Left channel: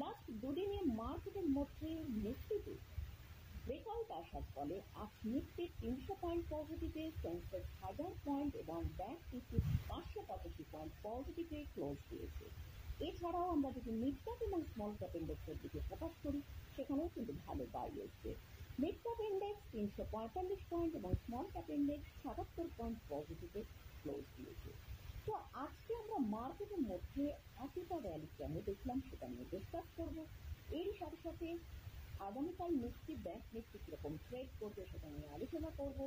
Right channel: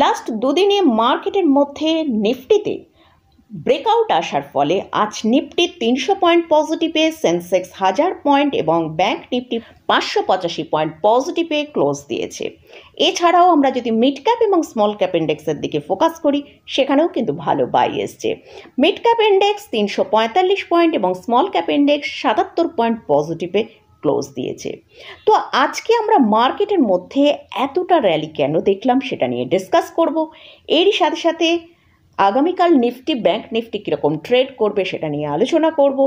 Last দুদিনে মার্কেটের মধ্যে নিফটিতে ব্রেকআউট আসার ফলে আজ নিফটি 300 পয়েন্ট পজিটিভে, সেন্সেক্স 1000 পয়েন্ট এবং ব্যাংক নিফটি 585 পয়েন্ট পজিটিভে ক্লোজ দিয়েছে। এছাড়াও আমরা যদি মিড ক্যাপ এবং স্মল ক্যাপ ইন্ডেক্সের দিকে ফোকাস করি, সেখানেও কিন্তু ভালো বাই এসছে। মিড ক্যাপ ইন্ডেক্স 345 পয়েন্ট এবং স্মল ক্যাপ ইন্ডেক্স 77 পয়েন্ট পজিটিভে ক্লোজ দিয়েছে। তো আজকে আমরা মার্কেটের মধ্যে এতটা র্যালি কেন দেখলাম সেটা নিয়ে ডিসকাস করব। এরই সাথে সাথে আগামীকাল নিফটি, ব্যাংক নিফটি কীরকম ট্রেড করবে সেটা নিয়ে আলোচনা করব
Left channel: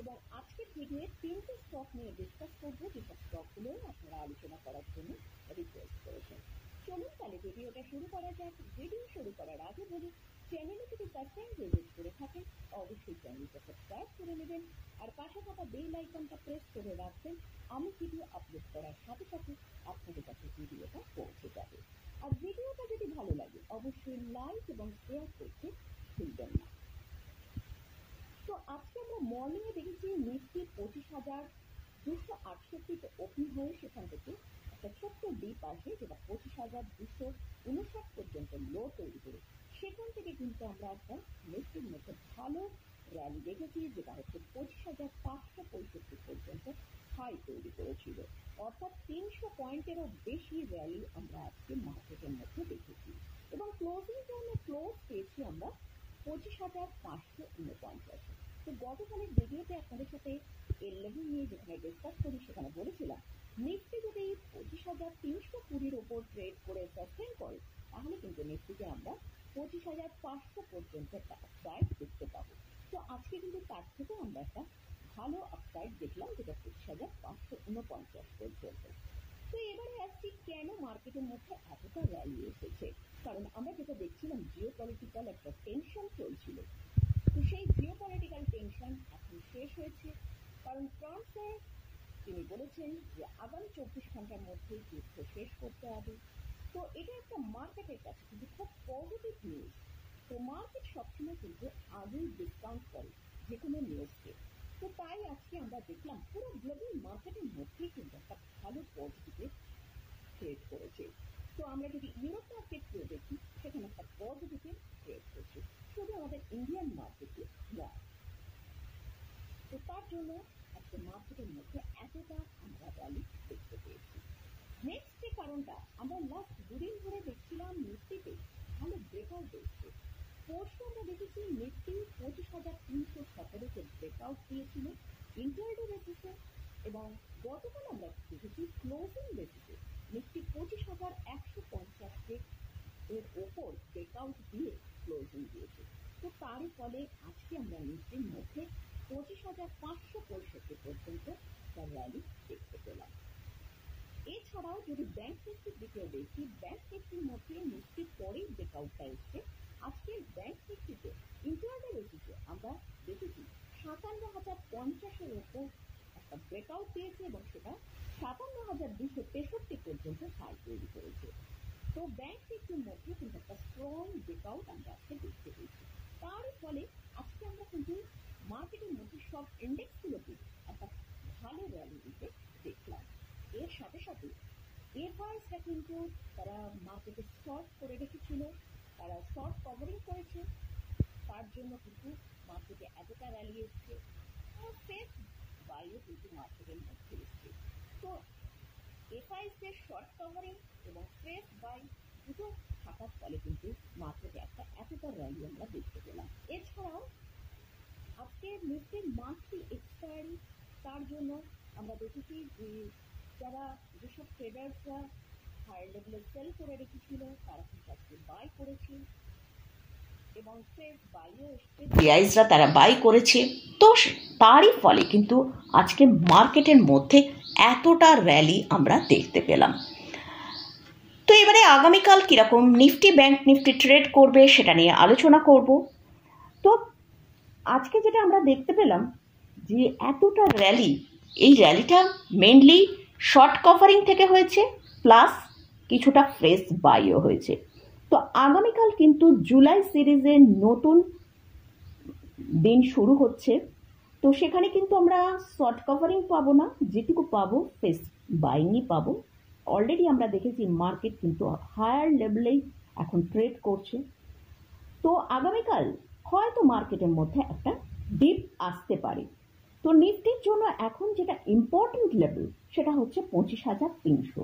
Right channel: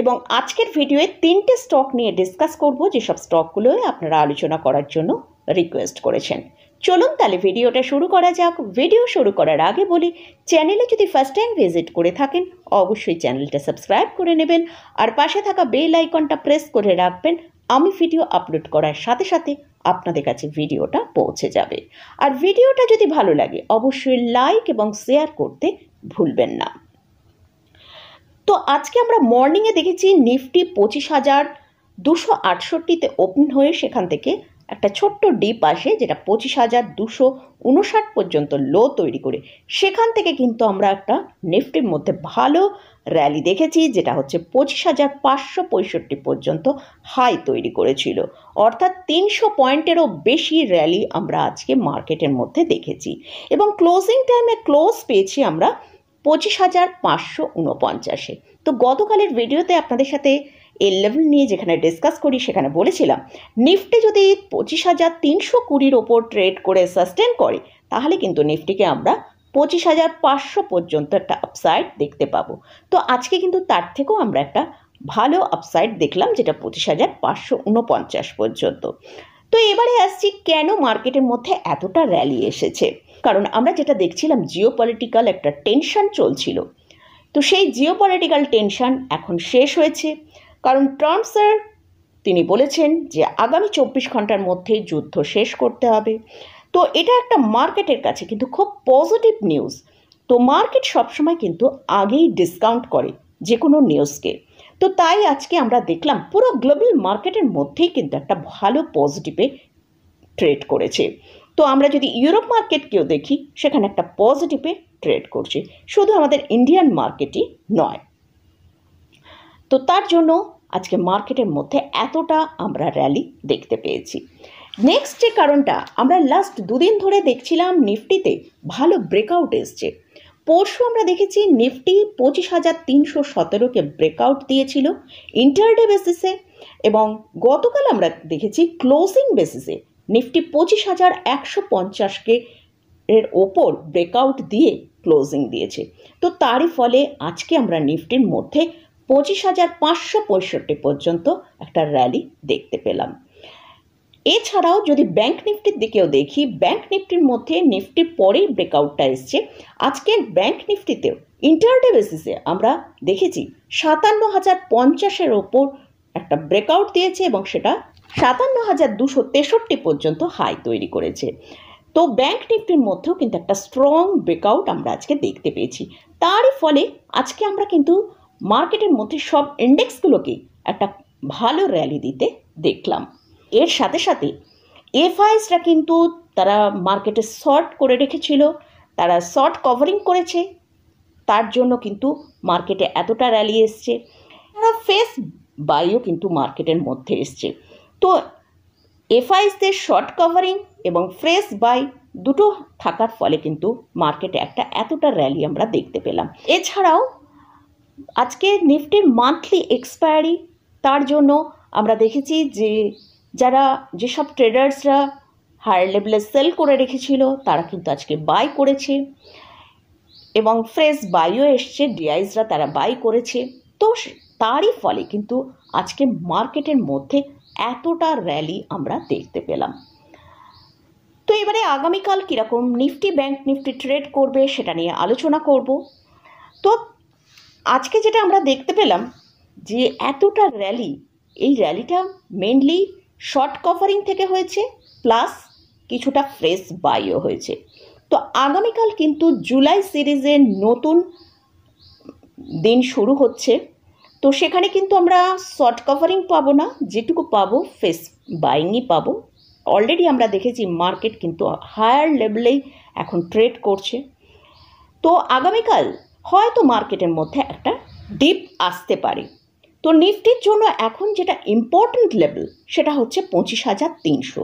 এবং আজকের ভিডিওয়ে 3টে স্টক নিয়ে ডিসকাস করব, যেসব স্টকগুলোই আপনারা আলোচনা করার জন্য রিকোয়েস্ট করেছেন। চলুন তাহলে ভিডিওটা শুরু করা যাক। ভিডিও শুরু করার আগে বলি, চ্যানেলে যদি ফার্স্ট টাইম ভিজিট করে থাকেন অবশ্যই চ্যানেলটা সাবস্ক্রাইব করে নেবেন আর পাশে থাকা বেল আইকনটা প্রেস করে রাখবেন। আমি ভিডিও আপলোড করার সাথে সাথে আপনাদের কাছে ভিডিওটা পৌঁছে যাবে। আর ভিডিওটা যদি ভালো লাগে অবশ্যই লাইক এবং শেয়ার করতে ভুলবেন না। তো আজকে আমরা মর্নিংয়ে দেখেছি নিফটি 25,268-তে ওপেন হয়ে সেখান থেকে একটা ছোট্ট ডিপ আসে, যেটা 25,259 পর্যন্ত লো তৈরি করে সেখান থেকে কিন্তু আমরা একটা নিফটির মধ্যে ভালো র্যালি দেখেছি, যেটা হচ্ছে 25,565 পর্যন্ত হাই তৈরি করেছিল। অর্থাৎ 300 পয়েন্টেরও বেশি র্যালি আমরা আজকে মার্কেটের মধ্যে দেখেছি এবং ক্লোজিং টাইমে ক্লোজ পেয়েছি আমরা 25,549-এ। তো গতকালের ভিডিওতে আপনাদের সাথে এই লেভেল নিয়ে যেখানে ডিসকাস করি সেখানে বলেছিলাম নিফটি যদি 25,320-র ওপর ট্রেড করে সাস্টেন করে তাহলে কিন্তু নিফটিকে আমরা 25,500 পর্যন্ত একটা আপসাইড দেখতে পাবো। তো আজকে কিন্তু তার থেকেও আমরা একটা ভালো আপসাইড দেখলাম, যেটা 25,549 পর্যন্ত। তো এবারে আসছি কেন মার্কেটের মধ্যে এতটা র্যালি এসেছে। কারণ আমরা যেটা দেখছিলাম, জিওপলিটিক্যাল একটা টেনশন চলছিল। তো সেই জিওপলিটিক্যাল টেনশন এখন শেষ হয়েছে, কারণ ট্রাম্প স্যার তিনি বলেছেন যে আগামী 24 ঘন্টার মধ্যে যুদ্ধ শেষ করতে হবে। তো এটা একটা মার্কেটের কাছে কিন্তু খুব পজিটিভ নিউজ। তো মার্কেট সবসময় কিন্তু আগেই ডিসকাউন্ট করে যে কোনো নিউজকে। তো তাই আজকে আমরা দেখলাম পুরো গ্লোবাল মার্কেটের মধ্যেই কিন্তু একটা ভালো পজিটিভে ট্রেড করেছে। তো আমরা যদি ইউরোপ মার্কেটকেও দেখি, সেখানে একটা পজিটিভে ট্রেড করছে, শুধু আমাদের ইন্ডিয়ান মার্কেটই নয়। তো তার জন্য আজকে মার্কেটের মধ্যে এতটা আমরা র্যালি দেখতে পেয়েছি। নেক্সট যে কারণটা, আমরা লাস্ট দুদিন ধরে দেখছিলাম নিফটিতে ভালো ব্রেকআউট এসছে। পরশু আমরা দেখেছি নিফটি 25,317-কে ব্রেকআউট দিয়েছিল ইন্টারডে বেসিসে এবং গতকাল আমরা দেখেছি ক্লোজিং বেসিসে নিফটি 25,150-কে এর ওপর ব্রেকআউট দিয়ে ক্লোজিং দিয়েছে। তো তারই ফলে আজকে আমরা নিফটির মধ্যে 25,565 পর্যন্ত একটা র্যালি দেখতে পেলাম। এছাড়াও যদি ব্যাংক নিফটির দিকেও দেখি, ব্যাংক নিফটির মধ্যে নিফটির পরেই ব্রেকআউটটা এসছে। আজকের ব্যাংক নিফটিতেও ইন্টারডে বেসিসে আমরা দেখেছি 57,050-এর ওপর একটা ব্রেকআউট দিয়েছে এবং সেটা 57,263 পর্যন্ত হাই তৈরি করেছে। তো ব্যাংক নিফটির মধ্যেও কিন্তু একটা স্ট্রং ব্রেকআউট আমরা আজকে দেখতে পেয়েছি। তারই ফলে আজকে আমরা কিন্তু মার্কেটের মধ্যে সব ইন্ডেক্সগুলোকেই একটা ভালো র্যালি দিতে দেখলাম। এর সাথে সাথে এফআইএসরা কিন্তু তারা মার্কেটে শর্ট করে রেখেছিল, তারা শর্ট কভারিং করেছে, তার জন্য কিন্তু মার্কেটে এতটা র্যালি এসছে। তারা ফেস বাইও কিন্তু মার্কেটের মধ্যে এসছে। তো এফআইএসদের শর্ট কভারিং এবং ফ্রেশ বাই দুটো থাকার ফলে কিন্তু মার্কেটে একটা এতটা র্যালি আমরা দেখতে পেলাম। এছাড়াও আজকে নিফটির মান্থলি এক্সপায়ারি, তার জন্য আমরা দেখেছি যে যারা যেসব ট্রেডার্সরা হায়ার লেভেলে সেল করে রেখেছিল তারা কিন্তু আজকে বাই করেছে এবং ফ্রেশ বাইও এসছে, ডিআইসরা তারা বাই করেছে। তো তারই ফলে কিন্তু আজকে মার্কেটের মধ্যে এতটা র্যালি আমরা দেখতে পেলাম। তো এবারে আগামীকাল কীরকম নিফটি, ব্যাংক নিফটি ট্রেড করবে সেটা নিয়ে আলোচনা করব। তো আজকে যেটা আমরা দেখতে পেলাম যে এতটা র্যালি, এই র্যালিটা মেনলি শর্ট কভারিং থেকে হয়েছে, প্লাস কিছুটা ফ্রেশ বাইও হয়েছে। তো আগামীকাল কিন্তু জুলাই সিরিজের নতুন দিন শুরু হচ্ছে। তো সেখানে কিন্তু আমরা শর্ট কভারিং পাবো না, যেটুকু পাবো ফ্রেশ বাইংই পাবো। অলরেডি আমরা দেখেছি মার্কেট কিন্তু হায়ার লেভেলেই এখন ট্রেড করছে। তো আগামীকাল হয়তো মার্কেটের মধ্যে একটা ডিপ আসতে পারে। তো নিফটির জন্য এখন যেটা ইম্পর্ট্যান্ট লেভেল সেটা হচ্ছে 25,300।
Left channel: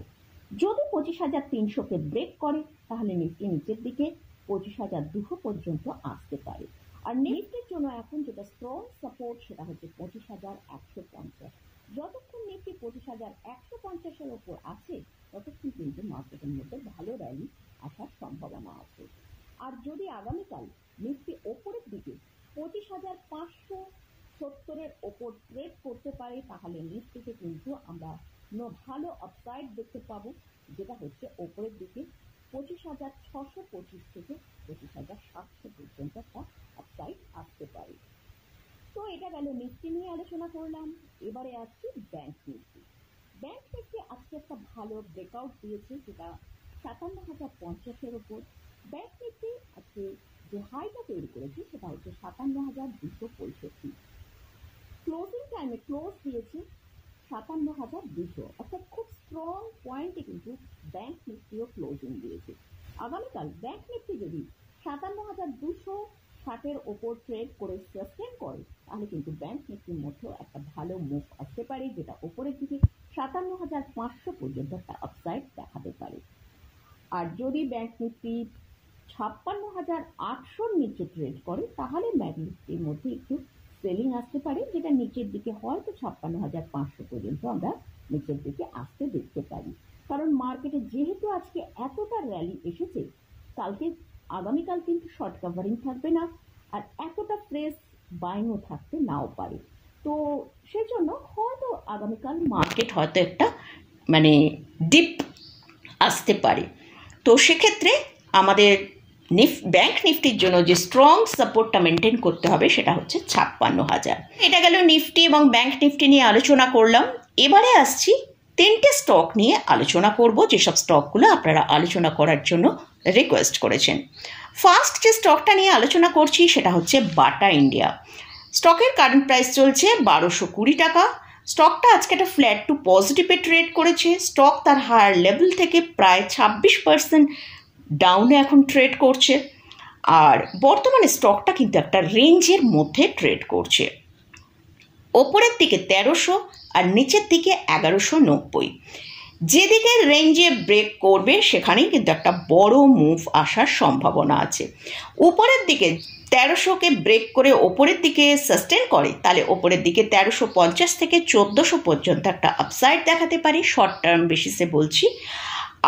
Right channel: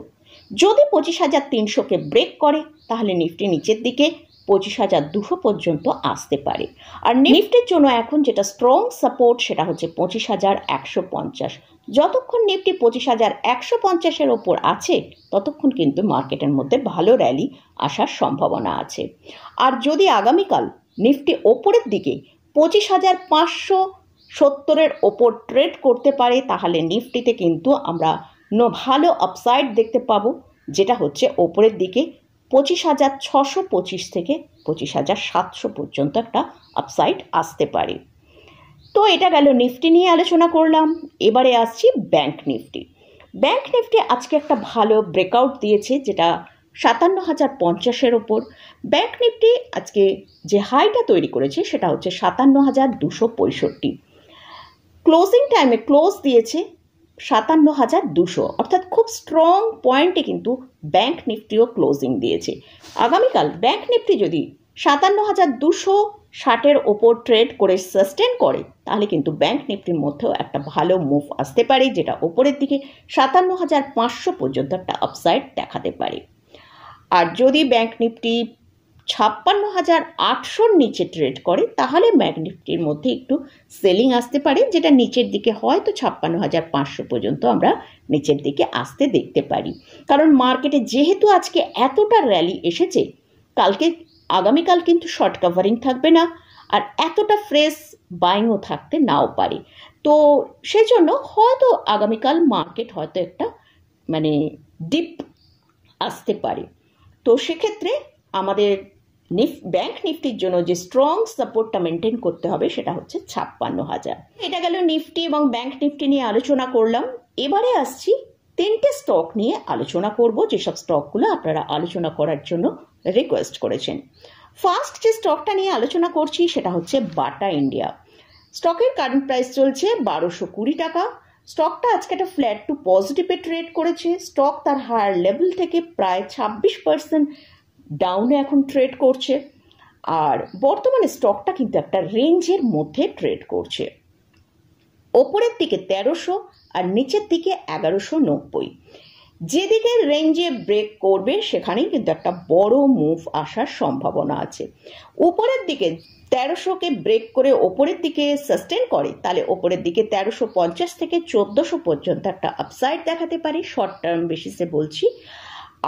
যদি 25,300কে ব্রেক করে তাহলে নিফটি নিচের দিকে 25,200 পর্যন্ত আসতে পারে। আর নিফটির জন্য এখন যেটা স্ট্রং সাপোর্ট সেটা হচ্ছে 25,150। যতক্ষণ নিফটি 25,150-এর ওপর আছে ততক্ষণ কিন্তু মার্কেটের মধ্যে ভালো র্যালি আসার সম্ভাবনা আছে। আর যদি আগামীকাল নিফটি ওপরের দিকে 25,570-এর ওপর ট্রেড করতে পারে তাহলে নিফটিতে কিন্তু আমরা ভালো আপসাইড দেখতে পাবো, যেটা হচ্ছে ওপরের দিকে 25,625 থেকে 25,700 পর্যন্ত একটা আপসাইড আসতে পারে। তো এটা গেল নিফটি নিয়ে আলোচনা করলাম। এবারে আসছি ব্যাংক নিফটি। ব্যাংক নিফটি আজকে একটা ভালো ব্রেকআউট দিয়েছে, যেটা 57,050-এর ওপর। ব্যাংক নিফটি আজকে যে হাইটা তৈরি করেছে সেটা হচ্ছে 57,265। ক্লোজিং টাইমে ক্লোজ দিয়েছে 57,200, অর্থাৎ খুব স্ট্রং পয়েন্টে কিন্তু ব্যাংক নিফটিও ক্লোজিং দিয়েছে। আগামীকাল ব্যাংক নিফটি যদি 57,260-এর ওপর ট্রেড করে সাস্টেন করে তাহলে কিন্তু ব্যাংক নিফটির মধ্যেও একটা ভালো মুভ আসতে পারে, যেটা ওপরের দিকে 57,500 পর্যন্ত একটা আপসাইড দেখাতে পারে। আর যদি ব্যাংক নিফটি 56,800-র নিচে ট্রেড করে তাহলে ব্যাংক নিফটির মধ্যে একটু সেলিং আসতে পারে, যেটা নিচের দিকে হয়তো 56,500 পর্যন্ত আমরা নিচের দিকে আসতে দেখতে পারি। কারণ মার্কেটে যেহেতু আজকে এতটা র্যালি এসেছে, আগামীকাল কিন্তু শর্ট কাভারিং থাকবে না, আর এতটা ফ্রেশ বাইংও থাকতে নাও পারে। তো সেজন্য হয়তো আগামীকাল মার্কেট হয়তো একটা ডিপ আসতে পারে। তো সেক্ষেত্রে আমাদের ব্যাংক নিফটির জন্য যে স্ট্রং সাপোর্টটা মেনটেন করতে হবে সেটা হচ্ছে 56,000। এটা গেল নিফটি এবং ব্যাংক নিফটি নিয়ে আলোচনা করলাম। এবারে আসছি 3টে স্টক নিয়ে আলোচনা করব, যেসব স্টকগুলো আপনারা আলোচনা করার জন্য রিকোয়েস্ট করেছেন। ফার্স্ট যে স্টকটা নিয়ে আলোচনা করছি সেটা হচ্ছে বাটা ইন্ডিয়া। স্টকের কারেন্ট প্রাইস চলছে 1220 টাকা। স্টকটা আজকে একটা ফ্ল্যাট টু পজিটিভে ট্রেড করেছে। স্টক তার হায়ার লেভেল থেকে প্রায় 26% ডাউনে এখন ট্রেড করছে, আর বর্তমানে স্টকটা কিন্তু একটা রেঞ্জের মধ্যে ট্রেড করছে। ওপরের দিকে 1300 আর নিচের দিকে 1190। যেদিকে রেঞ্জে ব্রেক করবে সেখানেই কিন্তু একটা বড় মুভ আসার সম্ভাবনা আছে। উপরের দিকে 1300-কে ব্রেক করে ওপরের দিকে সাস্টেন করে তাহলে ওপরের দিকে 1350 থেকে 1400 পর্যন্ত একটা আপসাইড দেখাতে পারি, শর্ট টার্ম বেসিসে বলছি।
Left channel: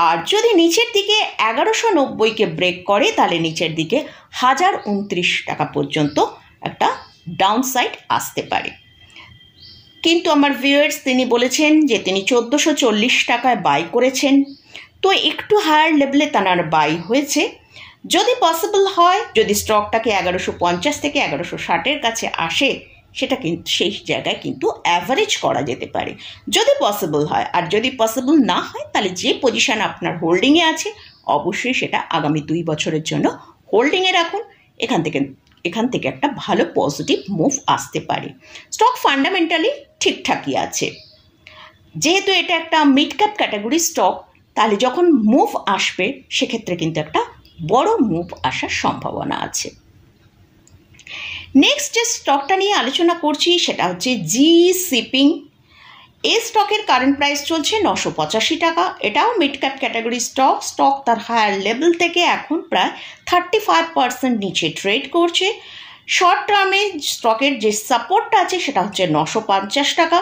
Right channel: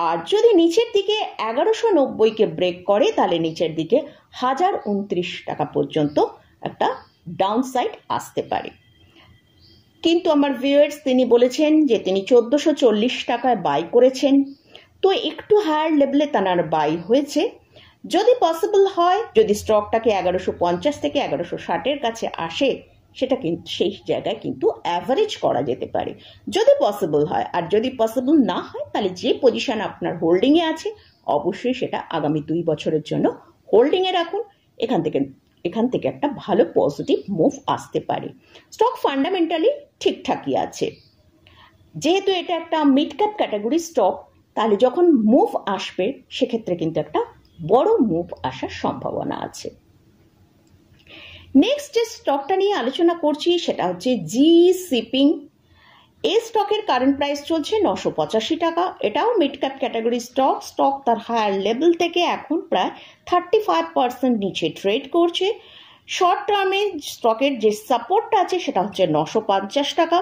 আর যদি নিচের দিকে 1190-কে ব্রেক করে তাহলে নিচের দিকে 1029 টাকা পর্যন্ত একটা ডাউনসাইড আসতে পারে। কিন্তু আমার ভিউয়ার্স তিনি বলেছেন যে তিনি 1440 টাকায় বাই করেছেন, তো একটু হায়ার লেভেলে তার বাই হয়েছে। যদি পসিবল হয়, যদি স্টকটাকে 1150 থেকে 1160-এর কাছে আসে, সেটা কিন্তু সেই জায়গায় কিন্তু অ্যাভারেজ করা যেতে পারে যদি পসিবল হয়। আর যদি পসিবল না হয় তাহলে যে পজিশন আপনার হোল্ডিংয়ে আছে অবশ্যই সেটা আগামী 2 বছরের জন্য হোল্ডিংয়ে রাখুন। এখান থেকে একটা ভালো পজিটিভ মুভ আসতে পারে। স্টক ফান্ডামেন্টালি ঠিকঠাকই আছে। যেহেতু এটা একটা মিড ক্যাপ ক্যাটাগরি স্টক, তাহলে যখন মুভ আসবে সেক্ষেত্রে কিন্তু একটা বড় মুভ আসার সম্ভাবনা আছে। নেক্সট যে স্টকটা নিয়ে আলোচনা করছি সেটা হচ্ছে জি শিপিং। এই স্টকের কারেন্ট প্রাইস চলছে 985 টাকা। এটাও মিড ক্যাপ ক্যাটাগরি স্টক তার হায়ার লেভেল থেকে এখন প্রায় 35% নিচে ট্রেড করছে। শর্ট টার্মে স্টকের যে সাপোর্টটা আছে সেটা হচ্ছে 950 টাকা।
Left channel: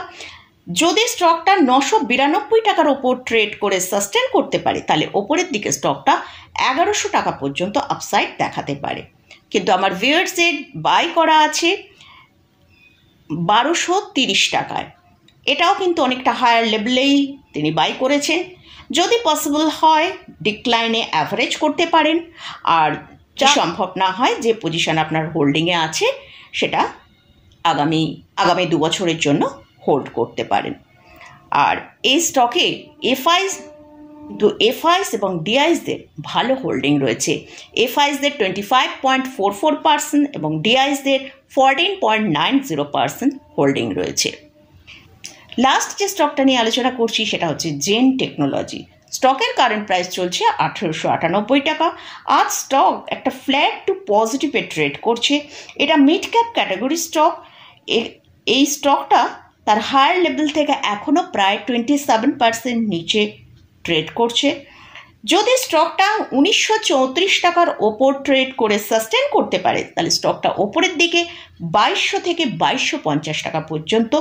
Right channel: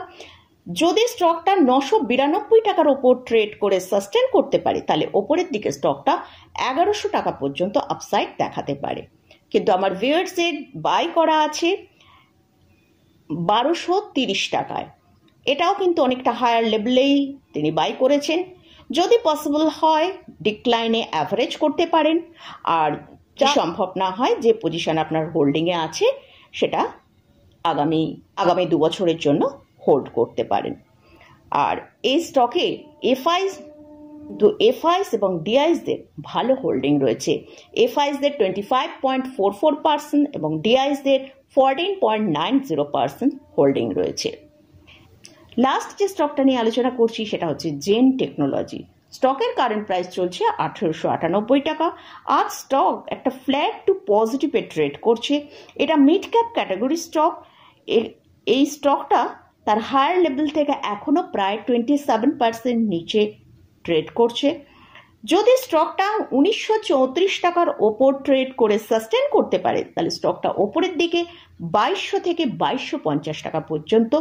যদি স্টকটা 992 টাকার ওপর ট্রেড করে সাস্টেন করতে পারে তাহলে ওপরের দিকে স্টকটা 1100 টাকা পর্যন্ত আপসাইড দেখাতে পারে। কিন্তু আমার ভিউয়ার্সের বাই করা আছে 1230 টাকায়। এটাও কিন্তু অনেকটা হায়ার লেভেলেই তিনি বাই করেছেন। যদি পসিবল হয় ডিক্লাইনে অ্যাভারেজ করতে পারেন, আর যা সম্ভব না হয় যে পজিশন আপনার হোল্ডিংয়ে আছে সেটা আগামী 2 বছরের জন্য হোল্ড করতে পারেন। আর এই স্টকে এফআইস এবং ডিআইসদের ভালো হোল্ডিং রয়েছে। এফআইসদের 25.44% এবং ডিআইসদের 14.90% হোল্ডিং রয়েছে। লাস্ট যে স্টকটা নিয়ে আলোচনা করছি সেটা হচ্ছে জেন টেকনোলজি। স্টকের কারেন্ট প্রাইস চলছে 1898 টাকা। আজ স্টক একটা ফ্ল্যাট টু পজিটিভে ট্রেড করছে। এটা মিড ক্যাপ ক্যাটাগরি স্টক। এই স্টকটা তার হায়ার লেভেল থেকে এখনও প্রায় 27% নিচে ট্রেড করছে। যদি স্টকটা 1934 টাকার ওপর ট্রেড করে সাস্টেন করতে পারে তাহলে স্টকটা ওপরের দিকে 2200 থেকে 2250 টাকা পর্যন্ত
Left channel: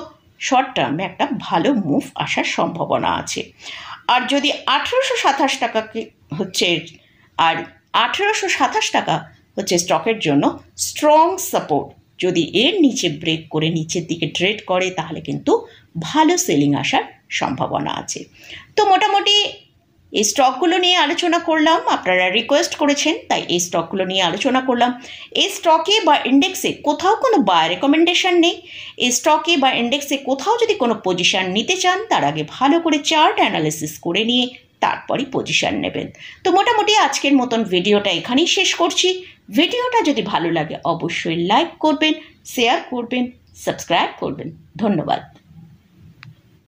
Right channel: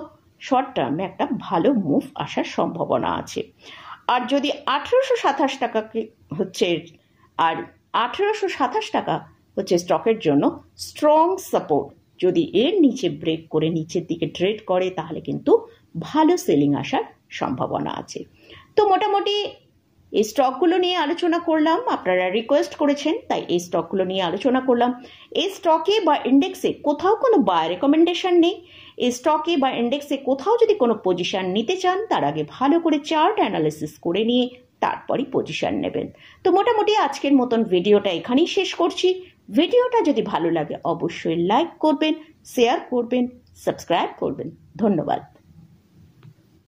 শর্ট টার্মে একটা ভালো মুভ আসার সম্ভাবনা আছে। আর যদি 1827 টাকা হচ্ছে আর 1827 টাকা হচ্ছে স্টকের জন্য স্ট্রং সাপোর্ট। যদি এর নিচে ব্রেক করে নিচের দিকে ট্রেড করে তাহলে কিন্তু ভালো সেলিং আসার সম্ভাবনা আছে। তো মোটামুটি এই স্টকগুলো নিয়ে আলোচনা করলাম, আপনারা রিকোয়েস্ট করেছেন তাই এই স্টকগুলো নিয়ে আলোচনা করলাম। এই স্টকে বা ইন্ডেক্সে কোথাও কোনো বাই রেকমেন্ডেশন নেই। এই স্টকে বা ইন্ডেক্সে কোথাও যদি কোনো পজিশন নিতে চান তার আগে ভালো করে চার্ট অ্যানালিসিস করে নিয়ে তারপরই পজিশন নেবেন। তো মোটামুটি আজকের মতন ভিডিওটা এখানেই শেষ করছি। ভিডিওটা যদি ভালো লাগে অবশ্যই লাইক করবেন, শেয়ার করবেন, সাবস্ক্রাইব করবেন। ধন্যবাদ।